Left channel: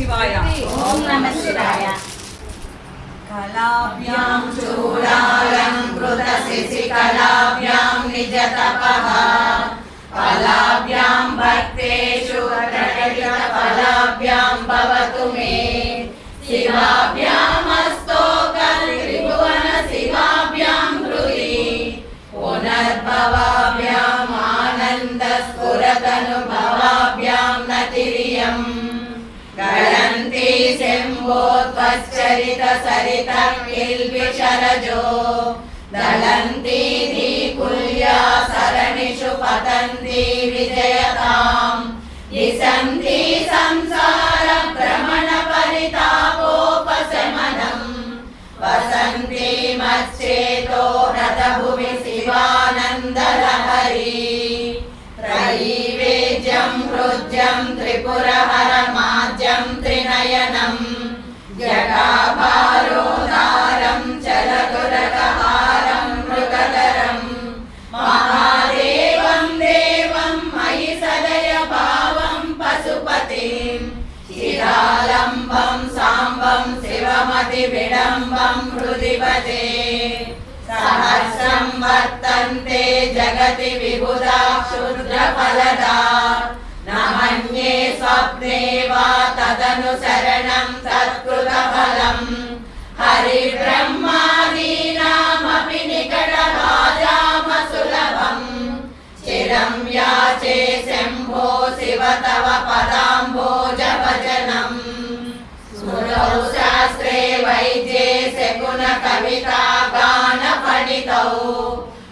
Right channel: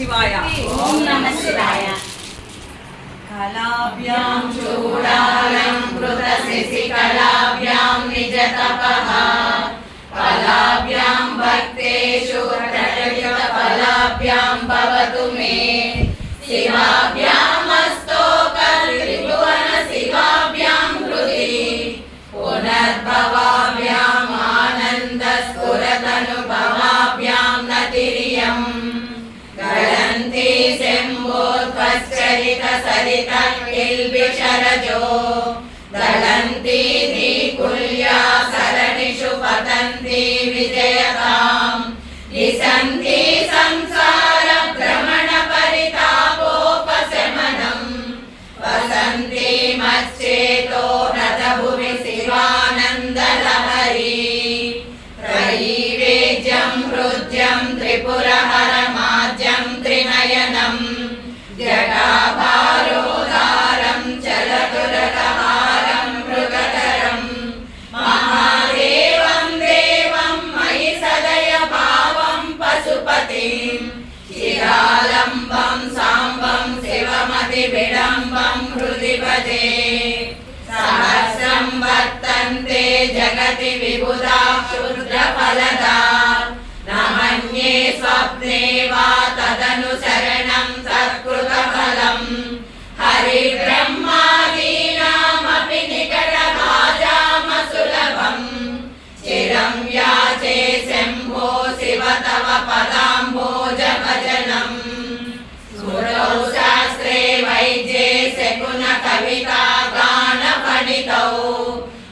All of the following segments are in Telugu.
శివాయ. ఓం నమః శివాయ. కళాభ్యాం చూడాలంకృత శశికళాభ్యాం నిజ తపః ఫలాభ్యాం భక్తేషు ప్రకటిత ఫలాభ్యాం భవతు మే శివాభ్యామస్తోక త్రిభువన శివాభ్యాం హృది పునర్భవాభ్యాం ఆనంద స్ఫురతనుభవాభ్యాం నతిరియం గళంతి శంభోత్పశ్చరిత సరిత కిల్బిషరజో దళంతి ధీకుల్యా సరణిషు పతంతి విజయతాం లిసంతి సంసార భ్రమణ పరితాపోపశమనం వసంతి మచ్చేతో రథభువి శివానందలహరి త్రైవేద్యం హృద్యం త్రిపురహరమాజ్యం త్రినయనం జటాభారోధారం చలతురకహారం మృగతరం మహాదేవం దేవం మయి సదయ భావం పశుపతిం శిరాలంబం సాంబం శివమతి విడంబం హృది భజే సహస్రం వర్తంతే జగతి విబుధా క్షుద్రఫలదా నమన్యే స్వప్నే వా తదను శరణం సత్కృతఫలం హరి బ్రహ్మాదీనామపి నికటభాజామసులభం చిరం యాచే శంభో శివ తవ పదాంభోజ భజనం స్మృతౌ శాస్త్రే వైద్యే శకున కవితా గాన పఠితౌ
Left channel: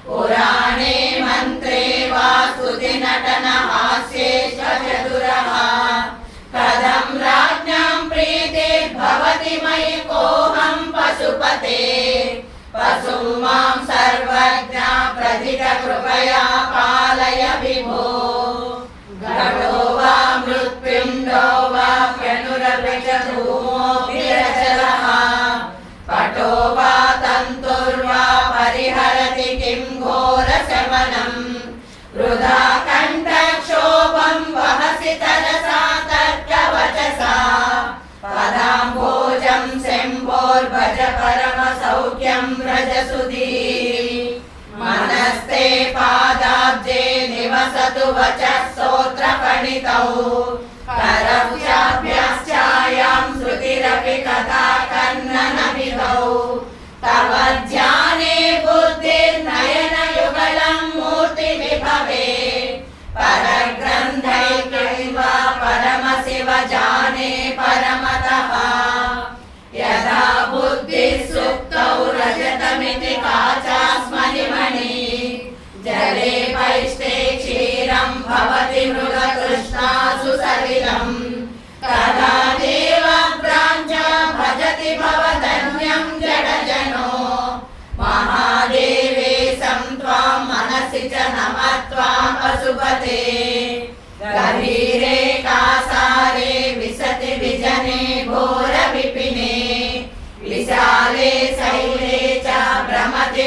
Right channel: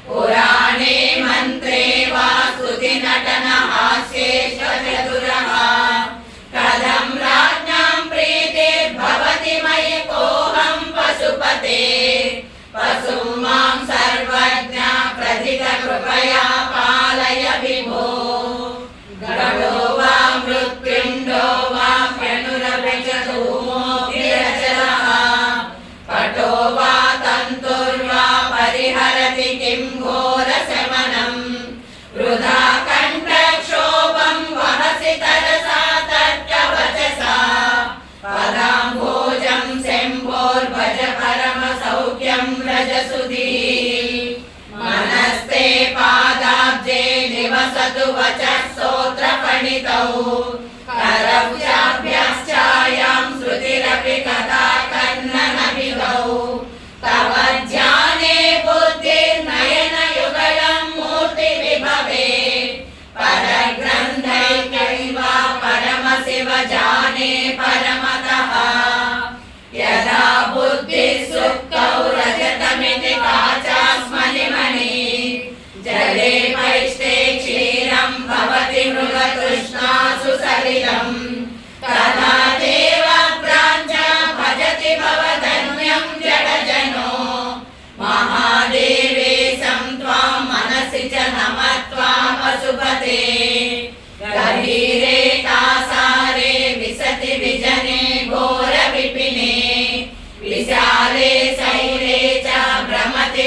పురాణే మంత్రే వా స్తుతి నటన హాస్యే చతురః కథం రాజ్ఞాం ప్రీతే భవతి మయి కోహం పశుపతే పశుం మాం సర్వజ్ఞ ప్రథిత కృపయా పాలయ విభో గడో వా మృత్యుండో వా ప్యనురభిచధూమో విరచలః పటో వా తంతుర్వా పరిహరతి కిం ఘోర శమనం వృధా కంఠక్షోభం వహసి తరసా తర్కవచసా పదాంభోజం శంభోర్భజ పరమ సౌఖ్యం వ్రజసుధీ మనస్తే పాదాబ్జే నివసతు వచః స్తోత్ర పణితౌ కరభ్యాభ్యాశ్చాయాం శృతిరపి కథా కన్నన విధౌ తవ ధ్యానే బుద్ధిర్నయన యుగళం మూర్తి విభవే పరగ్రంథైకైవ పరమ శివ జానే పరమతః యదా బుద్ధి సుప్తౌ రజతమితి కాచాస్మలిమణి జలే పైష్టే క్షీరం భవతి మృగతృష్ణాసు సలిలం తదా దేవభ్రాంచ భజతి భవధన్యం జడజనో మహాదేవేశం త్వాం మనసి చ నమత్వాం పశుపతే గభీరే కాసారే విశతి విజనే ఘోర విపినే విశాలే శైలే చ భ్రమతి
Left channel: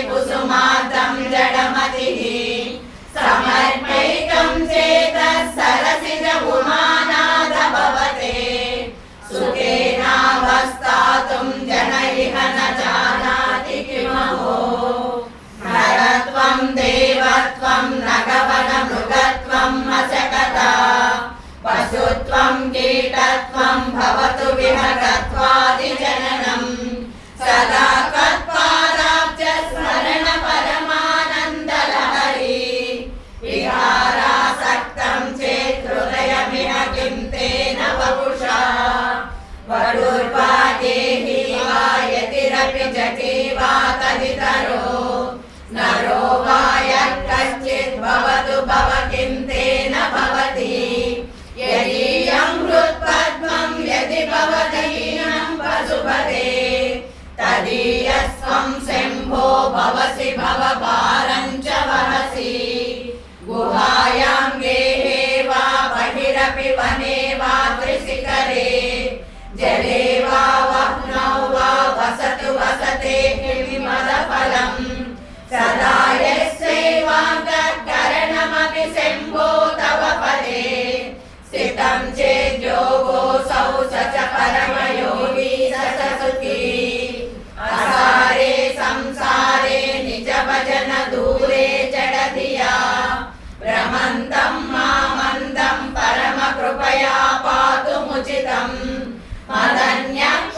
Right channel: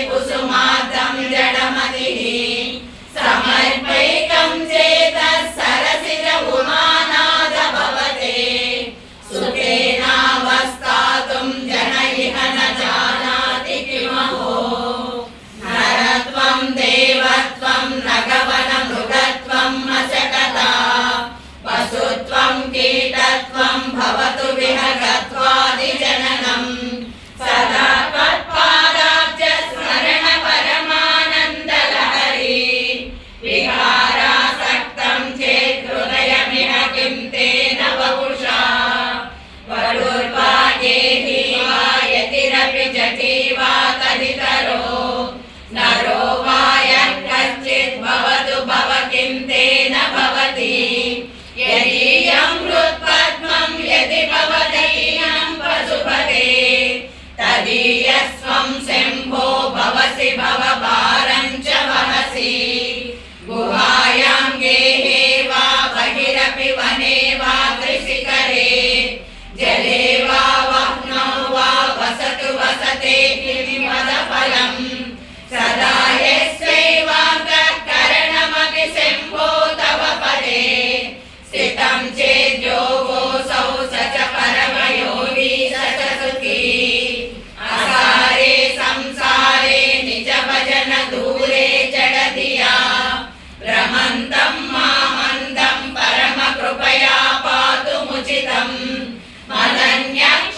समुचितम् मदन्यः